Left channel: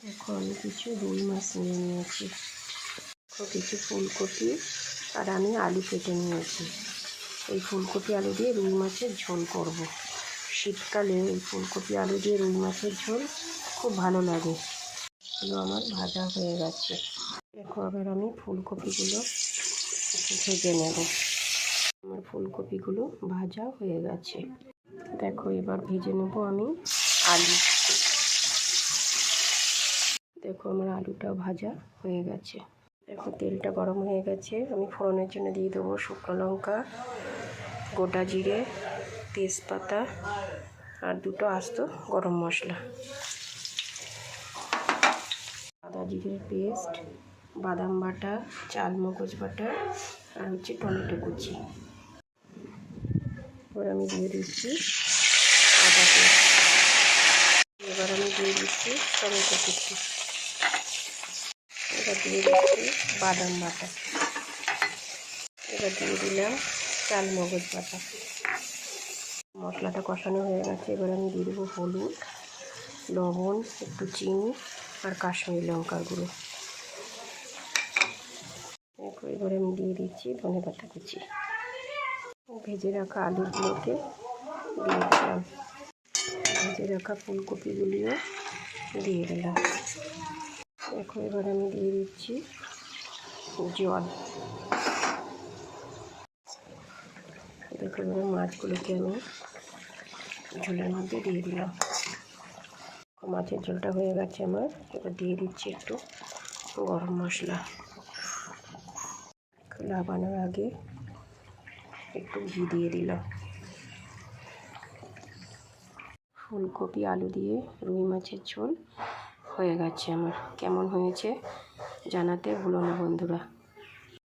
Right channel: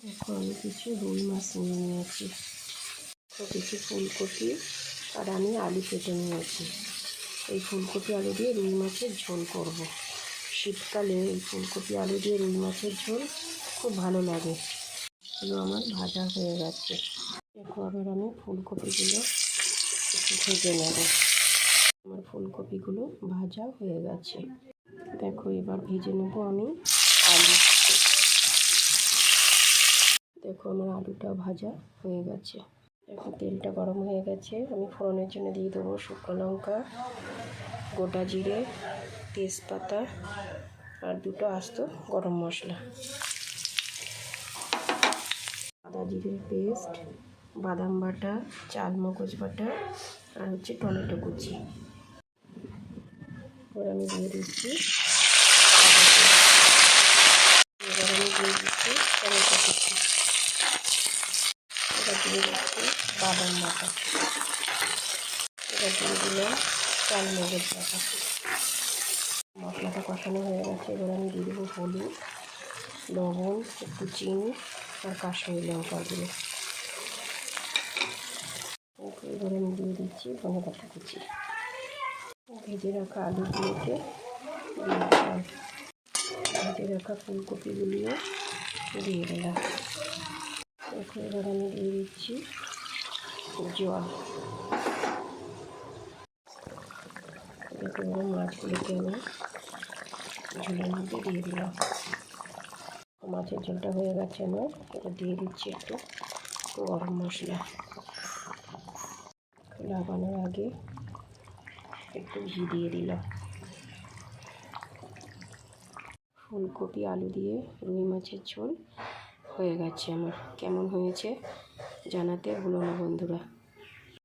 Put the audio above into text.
দেখো আমি কিছু রুই মাছ নিয়ে নিয়েছি, কিছু ফুলকপি আর আমি আলু কেটে নিয়েছি। এই ফুলকপি আলু দিয়ে রুই মাছের ঝোল করব। শীতকালে এই ফুলকপি আলু দিয়ে রুই মাছের ঝোল খুব ভালো লাগে। এগুলো আমার ভাজা হয়ে গেছে। দেখো আবার আমি ফুলকপিগুলো ভেজে নেব। আমার ফুলকপিগুলো ভাজা হয়ে গেছে। দেখো এবার ভেজে নেব আমি আলু। দেখো আমার আলুটাও ভাজা হয়ে গেছে। দেখো তেলটা গরম হয়ে গেছে। আমি ফোড়নের জন্য দিয়ে দেবো শুকনো লঙ্কা, গোটা জিরে, তেজপাতা আর দুটো আস্ত গরম মশলা, আদা জিরের পেস্ট, বাদাম বাটা, চালমগজ বাটা আর হচ্ছে টমেটো কুচি। এবার আমি দিয়ে দিচ্ছি আদা পেস্ট। এবার আমি দিয়ে দিচ্ছি টমেটো কুচি। এবার দিয়ে দিচ্ছি বাদাম বাটা। এবার দিয়ে দিলাম চালমগজ বাটা। মশলাটা কষানো হয়ে গেছে। এবার আমি দিয়ে দেবো হলুদ, লবণ, একটু চিনি আর কাশ্মীরি লঙ্কার গুঁড়ো। এবার আমি দিয়ে দিচ্ছি ধনেপাতা কুচি। ভেজে রাখা আলুগুলোকে দিয়ে দিলাম। ভেজে রাখা ফুলকপিগুলিও দিয়ে দিলাম। এখন এবার আমি দিয়ে দিচ্ছি জল। এবার মাছগুলোকে আমি ঝোলের মধ্যে দিয়ে দিলাম। মাছের ঝোলটা হয়ে গেছে আমার। এবার দিয়ে দিচ্ছি একটু গরম মশলা। লাগানোর আগে একটু ঘি দিয়ে দিলাম। ফুলকপি আলু দিয়ে রুই মাছের ঝোল হয়ে গেছে আমার। কেমন হয়েছে জানাতে ভুলো না বন্ধুরা।